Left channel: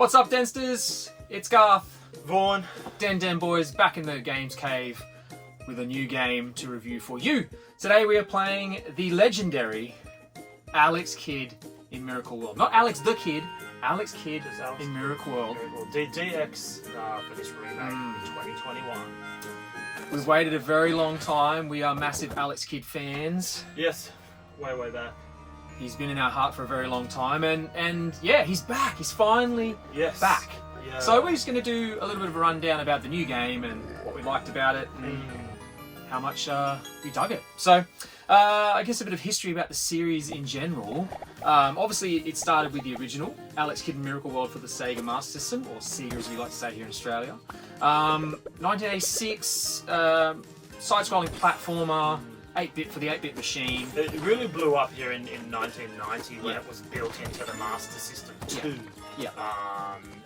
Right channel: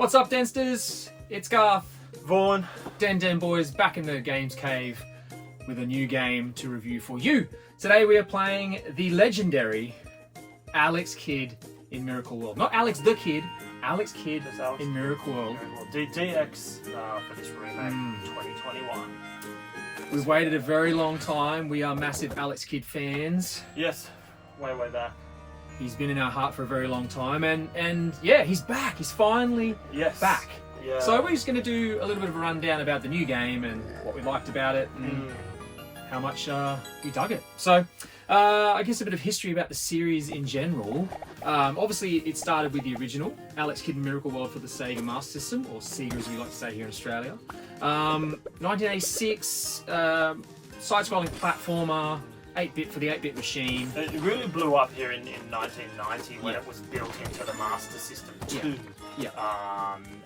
What's up, Densters? It's Garth. Vaughn. Den Boys back in the Games Cave with a new game to review for you. Today we are playing the legendary Alex Kidd in Miracle World. Not Alex the Kid, Alex Kidd in Miracle World. DX for this remake 2021. We've waited a very long time. We are massive Alex Kidd fans. Yes, way back. He's been in our heart for a very long time, and yeah, he's back. He's finally back. Yeah. So we're just going to do a little bit of a rundown about the new game and what we liked about it and how much we dug it. So I guess a bit of history about the series in general. Obviously, it started with the original Alex Kidd in Miracle World for the Sega Master System, or Sega as we like to say here in Australia. 1986, side-scrolling platformer. 8-bit for the 8-bit machine. It really blew up here in 1990 when it was built into the Master System 2. Yeah.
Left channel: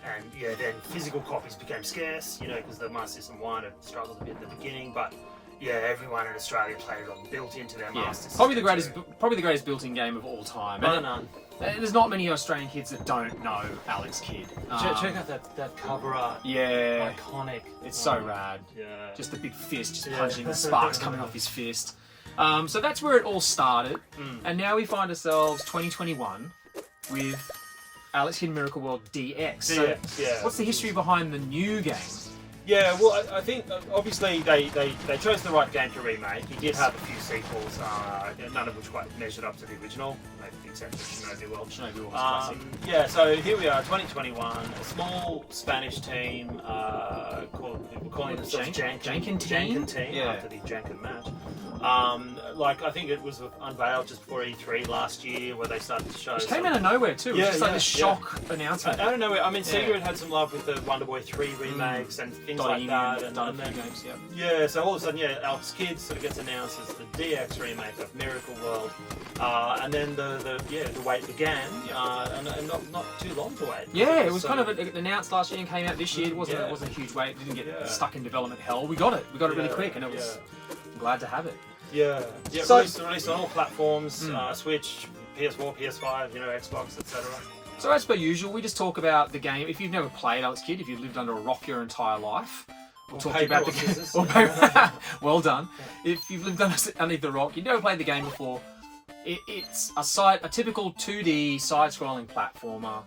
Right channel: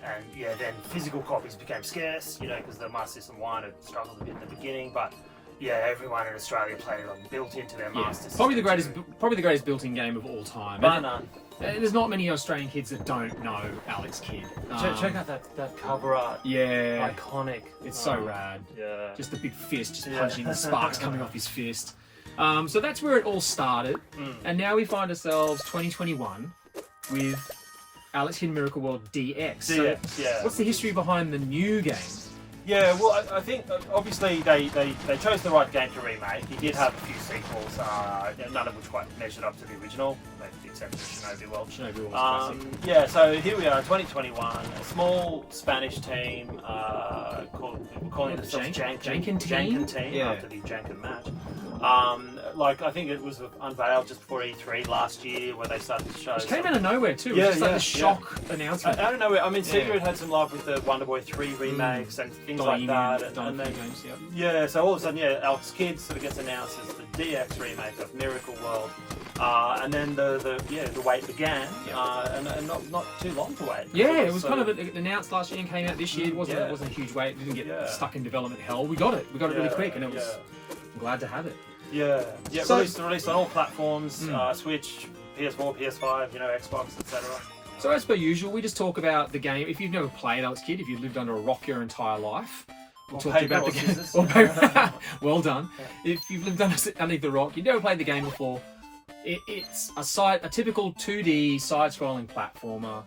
And yeah, then physical copies became scarce, you know, because the Master System 1 had struggled a bit in the beginning, but yeah, everyone in Australia played it on built into their Master System. Probably the greatest built-in game of all time. Bar none. There's not many Australian kids that don't know Alex Kidd. Check out that cover art. Yeah. Iconic. It's so rad. Yeah. Just a big fist, just punching the sparks coming off his fist. So that's where it all started, and now we find ourselves 2021 with Alex Kidd Miracle World DX. So what's the history behind the new game? Yeah, well, I think obviously they chose the right game to remake. It did have a few sequels, none of which quite measured up to the original, except for Shinobi World. Shinobi World was classic. Yeah, so here we are, 2021. A small Spanish team we're calling themselves Jankin team after the Jankin match. I think it was unveiled just before E3 last year, where they started to show. It came out of nowhere too. It was just like a shock announcement. I don't know. I mean, Sega had had some love with the Wonder Boy 3 remakes and things like that. And then, games, so all of a sudden, Alex Kidd sort of gets announced as the DX remake of Miracle World, and then the wait began, and not too long to wait. Yeah, it was kind of announced last year and came out this year. It wasn't a huge wait. It didn't get stuck in development hell. We got it. We got it really quick, and it was. I'm glad to have it. So, released on all platforms, Switch, PS4, PS5, Xbox, etc. So as per usual, we just talk about the game. If you've never played Alex Kidd, if you've lived under a rock your entire life, we'll talk to you about the game. Well done. If you've lived underneath the rock, you've never played the game before, it's a typical 2D side-scrolling platformer.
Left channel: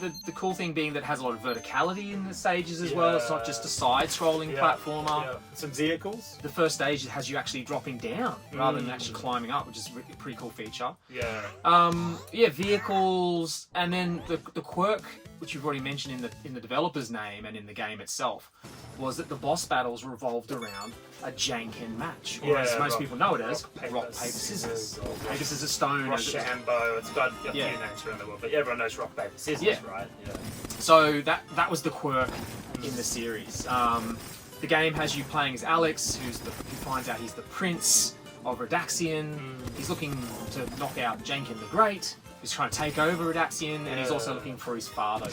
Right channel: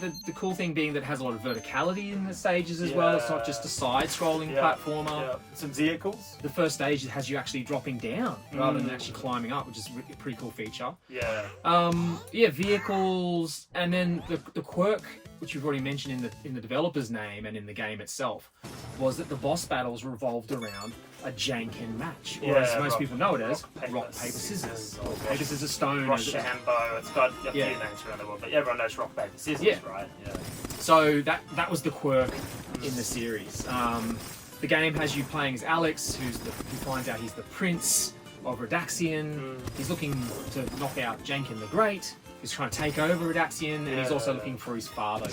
The cool thing being that it has a lot of verticality in the stages as well. It's not just a side-scrolling platformer. Some vehicles. The first stage has you actually dropping down rather than actually climbing up, which is a pretty cool feature. Vehicles, and then the quirk, which you've already mentioned in the developer's name and in the game itself, was that the boss battles revolved around a Jankin match, or as most people know it as rock, paper, scissors. Paper, scissors, stone. Rochambeau. It's got a few names around the world, but everyone knows rock, paper, scissors, right? Yeah. So that was the quirk in the series. The game has you playing as Alex, who finds out he's the prince of Redaxian. He's looking to knock out Jankin the Great. He's trying to take over Redaxian, and he's also looking for his father.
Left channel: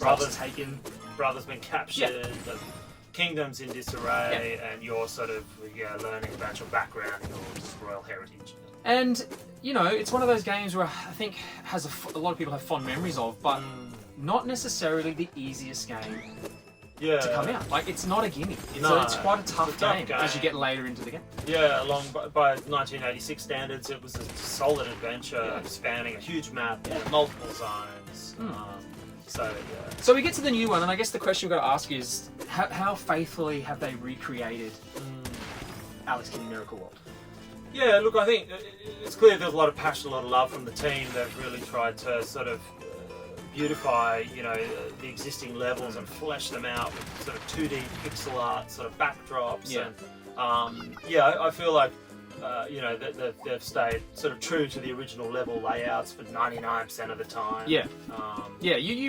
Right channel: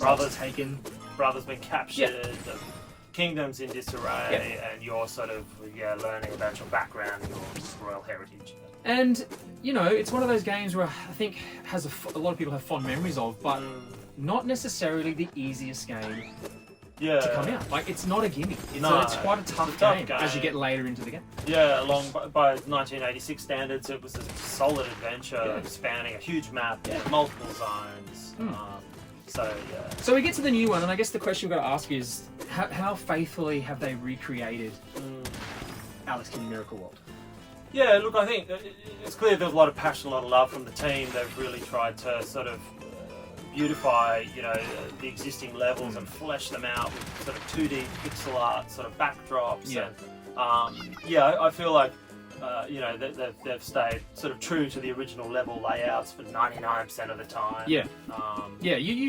Brother's taken. Brother's been captured. The kingdom's in disarray, and you're sort of learning about your background and your royal heritage. And it's one of those games where I think has a lot of people have fond memories of, but not necessarily the easiest game to come out. Like, it's not a gimme. It's quite a tough game as you get later into the game. Yeah, by 1986 standards, it was a solid adventure spanning a huge map, multiple zones. So we get to the new one, and I guess the question we've got to ask is, how faithfully have they recreated Alex Kidd in Miracle World? Yeah, look, I think it's clear there was a lot of passion, a lot of love from the team. They've really tried to sort of beautify, the existing levels and flesh them out with sort of 2D pixel art sort of backdrops. And, I feel like they've stayed sort of true to the original level layouts for 99% of the time. You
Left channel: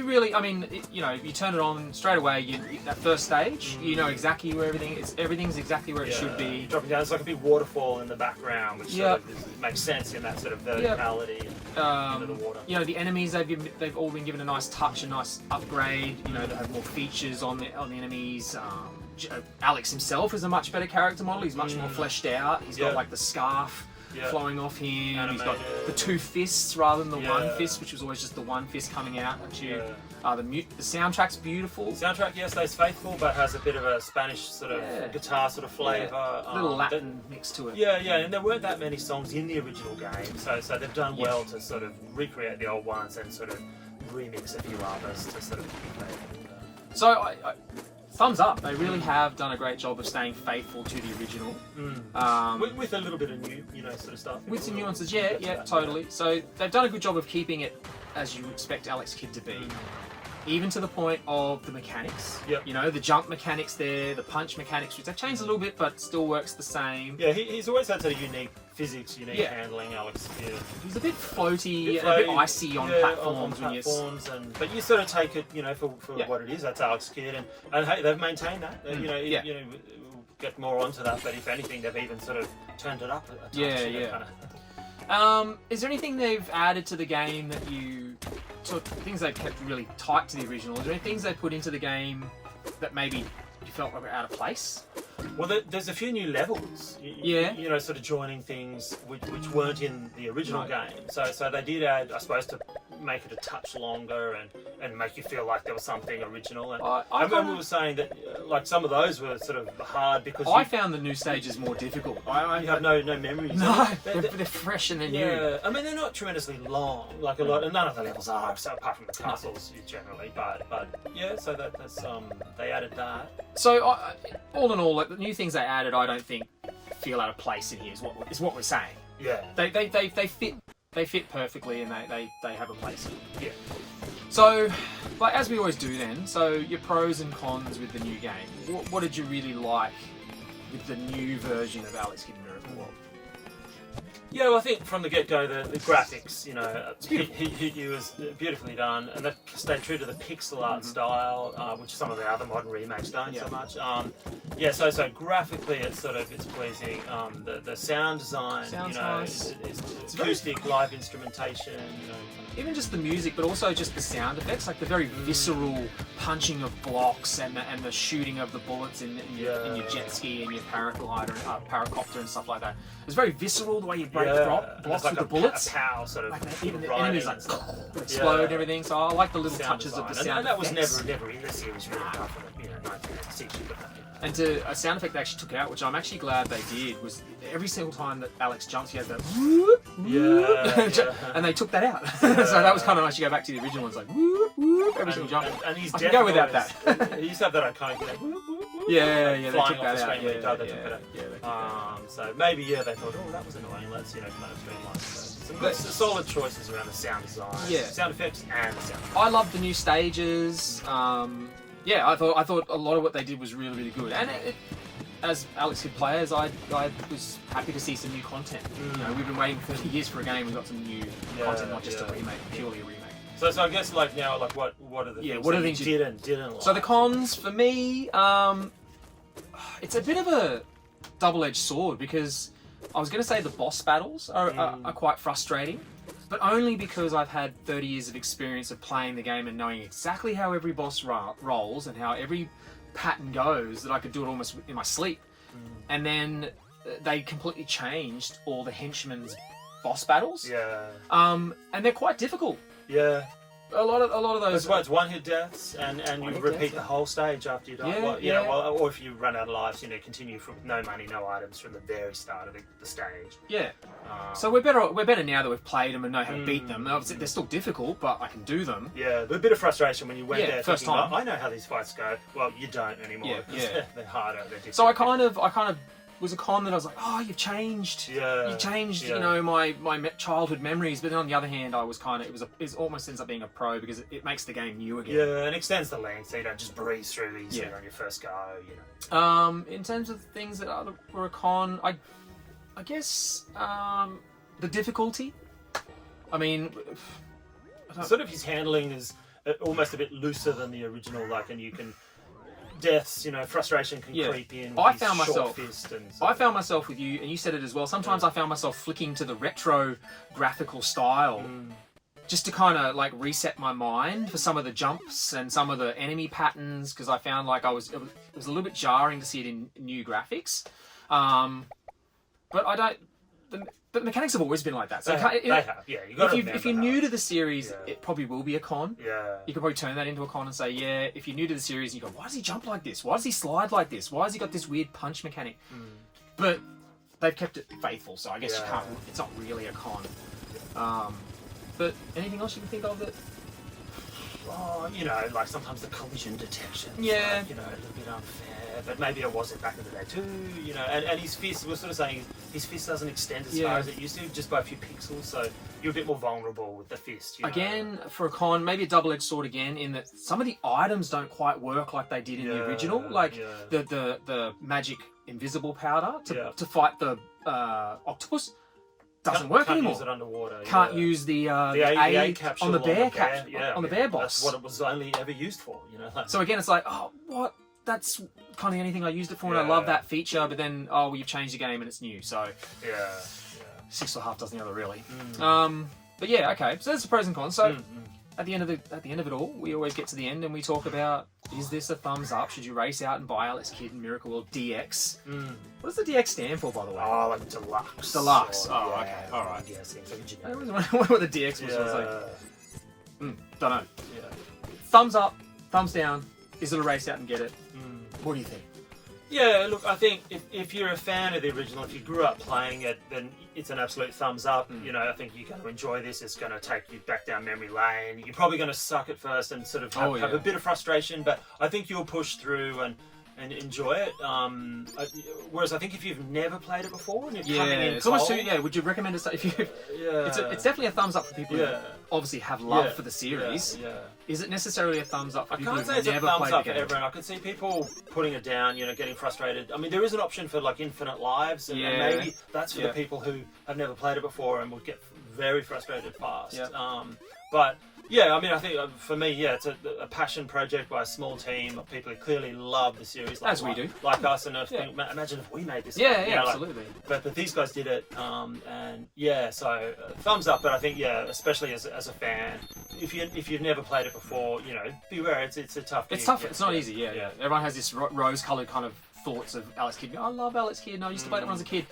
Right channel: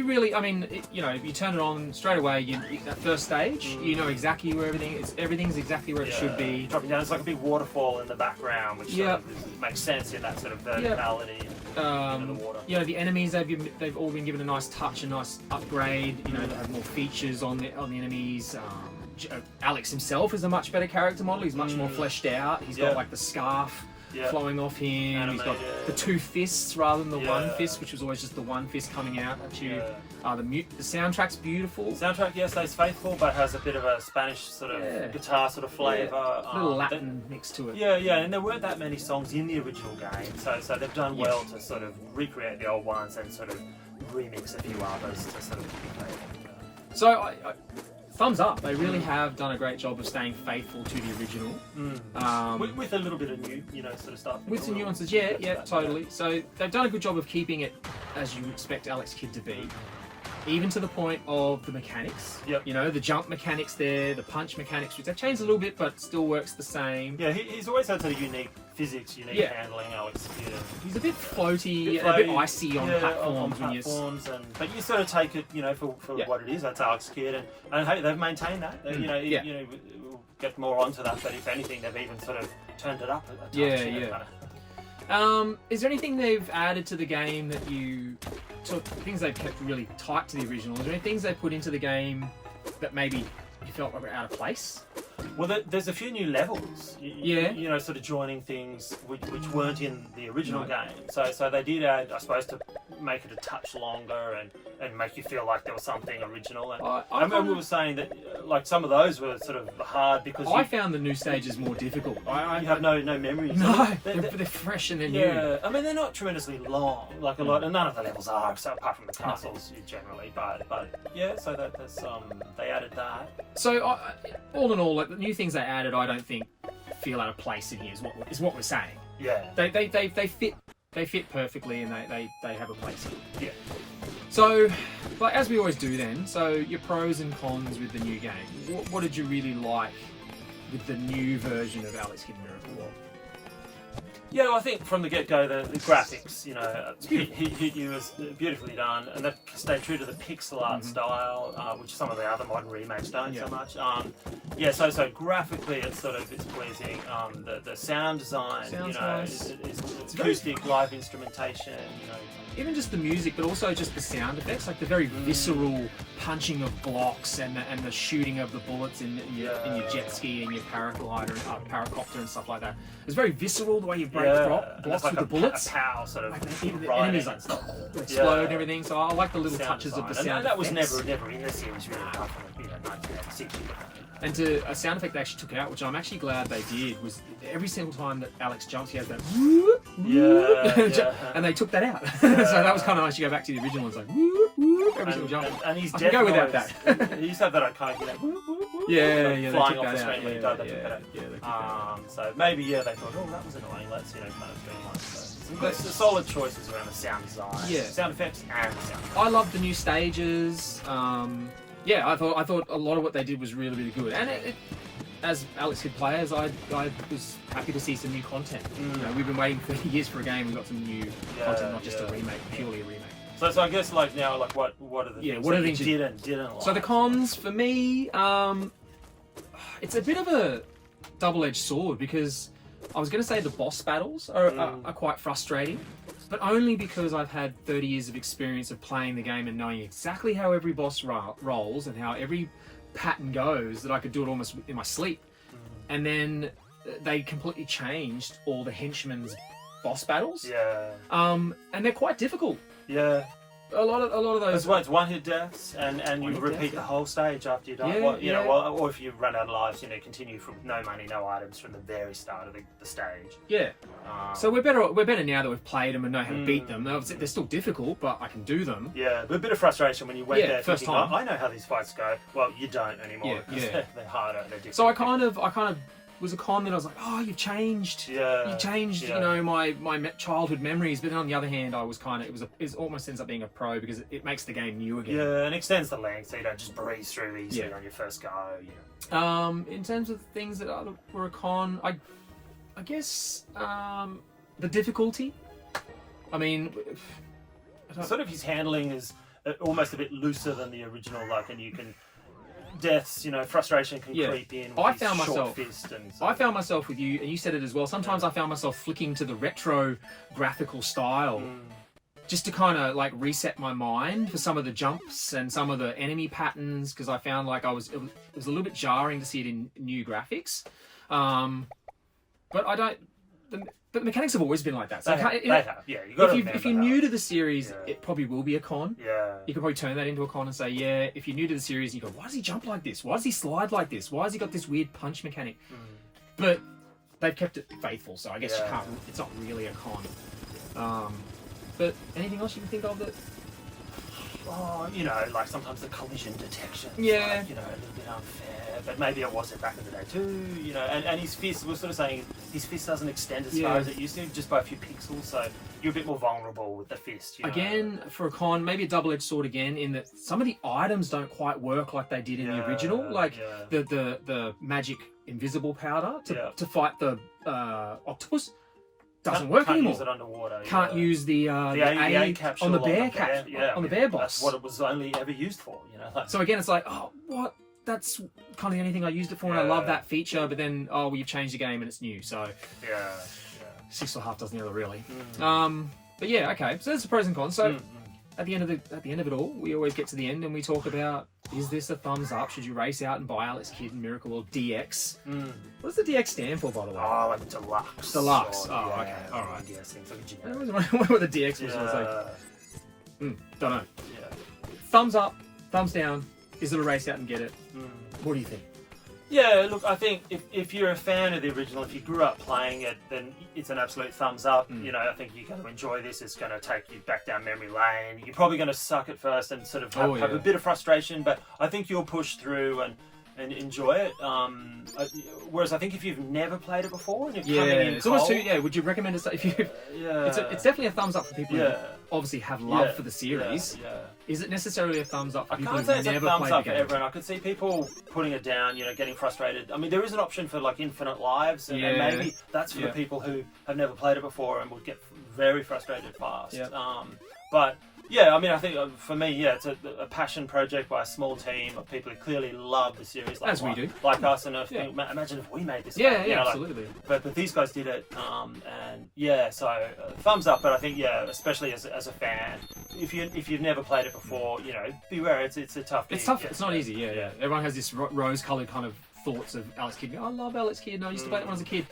really, if you turn it on straight away, that first stage, you know exactly where everyth's exactly where it should be. Dropping down, it's like a big waterfall in the background, which sort of makes sense in that sort of verticality into the water. The enemies, they've all been given a nice touch, a nice upgrade. They have more features on the enemies. Alex himself is a much better character model. He's much more fleshed out. He's got like the scarf flowing off him. Anime, He's got the two fists rather than the one fist, which was always just the one fist coming out at you. The soundtrack's beautiful. Soundtrack, stays faithful, but has a bit of a Spanish sort of guitar sort of flavour. A little Latin mix to it. Yeah, and there weren't that many songs in the original game, so they've done well to sort of recreate the old ones and sort of remix a few others to sort of. So, I thumbs up. They really have done a great job of staying faithful to the original. With a little bit of new, sort of stuff. With some nuances, totally. So they've done a good job of keeping it as you expect Alex Kidd to be. Even to the point of the mechanics. Yep. The jump mechanics there, the punch mechanics, which they've changed a little bit, but still works the same. Yeah, he's always had sort of unique physics, unique handling, Alex. Yeah. He's a bit floaty, a bit icy on platforms. But you sort of take it, for what it is. That's Alex Kidd, and hey, they've maintained that. We'll get more onto that, but if anything, they've even sort of turned it up a touch. Is there anything they've added to the game that things they've kept really tight to the original? Is there any things they put into the game that maybe you felt were out of place? Well, there's a few new levels. Sort of joining things which weren't in the original game. So they did add, I suppose, to make it a touch longer and make you feel like there was something original. And I remember we were saying that like some of those were sort of hard because I found the new stages more difficult. You have no memories. No, they're fresh and they're new. Yeah, I mean they're not tremendously long, like a lot, and none of the levels are, so apart from the castles generally. But so that's they added that. So all in all, like the new things they added, I don't think feel out of place in here. Is what we're saying. Yeah. They fit perfectly, and they have a place. Yeah. So, but as we always do then, so your pros and cons with the new game. What did you really like with the new version of Alex Kidd Miracle World? Yeah, well, I think from the get-go, the graphics, hit you as beautifully done, and they've stayed true to the pixel art style, which some of the other modern remakes don't so much. So graphically, it's pleasing. The sound design, nice. it's acoustic, live instrumentation, Even just the music, but also just the sound effects, like the very visceral punching of blocks and the shooting of the bullets in your jet ski and your paracopter and stuff like that. It's very visceral the way you break blocks with the bullets. A pow sort of even the enemies explode and everything. So I like the little touches of the sound. And that was effects. never in the series really apart from 1986. And to a sound effect they actually took out, which I'm actually glad they did, was every single time that Alex jumps, he has that whoop, and they took that out. So that was kind of nice. You go back to the original ones, like whoop, whoop, every single jump. And he's I can go without that. He used to have that iconic that whoop, whoop, whoop, they flying took off the that out. screen when he died. They took that out. So maybe they thought, that was annoying. Let's kind of streamline. Some solid choices around the sound design, sound effects, and sound. I love the new stages. I thought a lot of what they did was really, really good. And as Alex Kidd players, I was happy to see some new content. We've been waiting for years for a game. We got some new content, not just a remake, purely a remake. So I guess what are the things you didn't like? So the cons for me, it's a bit of a double-edged sword because I was going to say the boss battles are quite frustrating. But only because I've had 30 years of experience of playing the game and knowing exactly how every boss rolls and how every pattern goes that I could do it almost in my sleep. And then they completely changed all the henchmen's boss battles. And they're quite difficult. Yeah. A lot of those. That's why it's one-hit deaths, and you repeat the whole stage after you die. Or if you run out of lives, continue from no money, no items from the very start of the stage. Yeah. So we're better now that we've played them and know how to beat them. They're still difficult, but I can do them. Yeah, but a bit of frustration when you went there first thinking, time. I know how these fights go. Well, you don't anymore. They're harder. They're different. So I kind of was a con that I was like, oh, you've changed. You changed, my childhood memories. But then on the other hand, I was kind of, it almost ends up being a pro because it makes the game new again. Yeah, and extends the length so you don't just breeze through these on your first go. In terms of things that were a con, I guess the difficulty. I mean, sort of his handling is almost a bit looser than the original, and you can. Deaths, frustration can creep in. I found myself with you, and you said it as well. Sometimes I found myself flicking to the retro graphical style, just to kind of reset my mind for some of the jumps and some of the enemy patterns, because I found it was a little bit jarring to see it in new graphics. But I don't. the mechanics have always been like that. So they have. Yeah, you got to if you're new to the series, Yeah. it probably will be a con. Yeah. You could probably turn that into a con and say, yeah, if you're new to the series, you go, why does he jump like this? Why does he slide like this? Why has he got this weird punch mechanic? But they've kept it faithful, so I guess you can't. It's not really a con. But anything else you can think of that? Oh, you know, like sometimes the collision detection. Yeah. Like, you know, a little bit unfair, but maybe it wasn't back in the day too. You know, and his fist, we're sort of saying his fist doesn't extend as far as it used to, just by a few pixels. So you're a bit more vulnerable with the fist. You know? Again, for a con, maybe a double-edged sword again, in that some of the items don't quite work like they did in the original. Like the magic invisible powder to fight the octopus doesn't work anymore. Can't use it underwater. Can't use the A capsule on the bear capsule, on the bear boss. That's what it was only ever used for, you know. So again, it's like, oh, what? That's kind of the only thing I used it for, and I love that feature. But then, oh, well, you've changed the game and it's new. So six or half dozen the other, really. But yeah, okay. So there's the pros and cons. So at the end of it all, we always get to the end and we talk about: is this a thumbs up? Should you race out and buy Alex Kidd in Miracle World DX? What does the DX stand for, by the way? Oh, like deluxe. Deluxe. Or, oh, okay. All right. Yeah, things like I always wonder what the DX was. I was like, don't know. Thumbs up, thumbs down. Is it a race out and get it? What do you think? Yeah, look, I think if you're a fan of the original, if you grew up playing it, then it's an absolute thumbs up. You know, I think you're going to enjoy this. It's going to take you back down memory lane. You're probably going to suck at first and sort of have a bit of frustration, but I think you'll push through and enjoy it. Whereas I think if you've never played it before and you're coming in it's cold, almost too, would you recommend it? If you, it's definitely a thumbs up for people who obviously have love for the series. Is it necessarily a thumbs up for people who've never played the game? I can't say it's a thumbs up for everyone. I could see people putting it down, you know, getting frustrated. I mean, there is an option for like infinite lives, and maybe that's for the people who have never played it before and would get very frustrated fast. But yeah, I mean, I think for me, it's a passion project by a small team of people who clearly love the series, like, as we do, like us. And imagine if we made this. Yeah, game, absolutely. Like, but these guys did it, and so thumbs up. But I think especially as a fan, if you've never played it before, you know, beware. It's a tough. It's tough. It's not easy. Yeah. Everyone has this rose-colored kind of thoughts of Alex Kidd. I love Alex Kidd. I used to play it when I was a kid.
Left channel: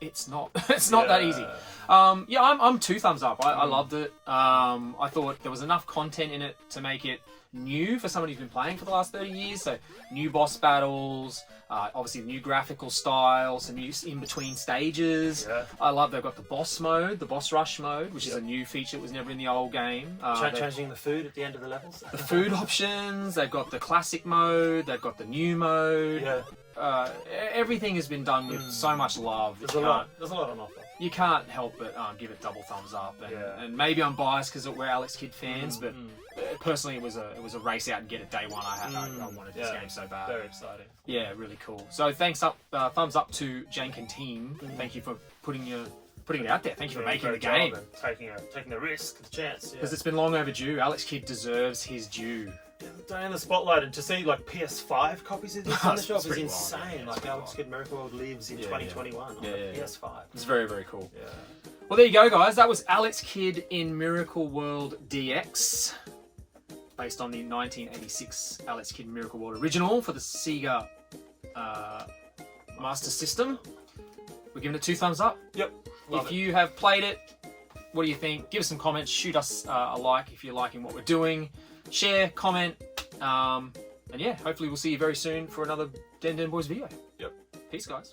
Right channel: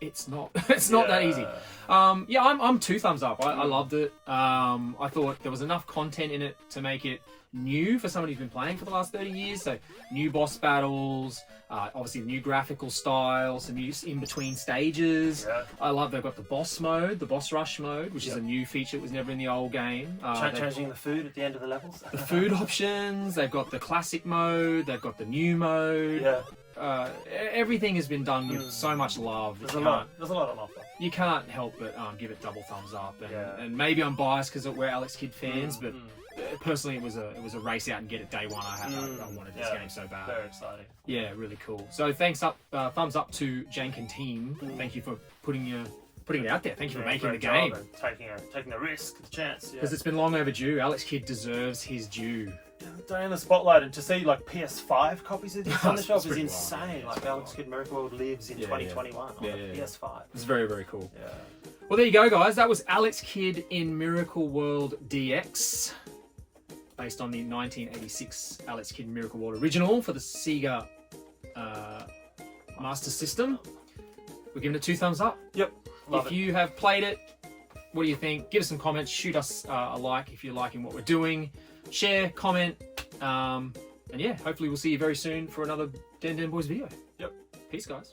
It's not. It's not that easy. I'm 2 thumbs up. I loved it. I thought there was enough content in it to make it new for somebody who's been playing for the last 30 years. So new boss battles, obviously new graphical style, some new in-between stages. I love they've got the boss mode, the boss rush mode, which is a new feature that was never in the old game. Changing the food at the end of the levels. The food options. They've got the classic mode. They've got the new mode. Everything has been done with so much love. There's a lot on offer. You can't help but give it double thumbs up. And maybe I'm biased because we're Alex Kidd fans, but personally, it was a race out and get it day one. I wanted this game so bad. Very exciting. Yeah, really cool. So thumbs up to Jank and team. Thank you for putting it out there. Thank you for making the game. Taking the risk, the chance. Because it's been long overdue. Alex Kidd deserves his due. Day in the spotlight, and to see like PS5 copies of this on the shelf is insane. Like Alex Kidd Miracle World lives in 2021 on the PS5. It's very, very cool. Well, there you go, guys. That was Alex Kidd in Miracle World DX, based on the 1986 Alex Kidd Miracle World original for the Sega Master System. We're giving it 2 thumbs up. Yep. If you have played it, what do you think? Give us some comments. Shoot us a like if you're liking what we're doing. Share, comment, and hopefully we'll see you very soon for another Den Den Boys video. Yep. Peace, guys.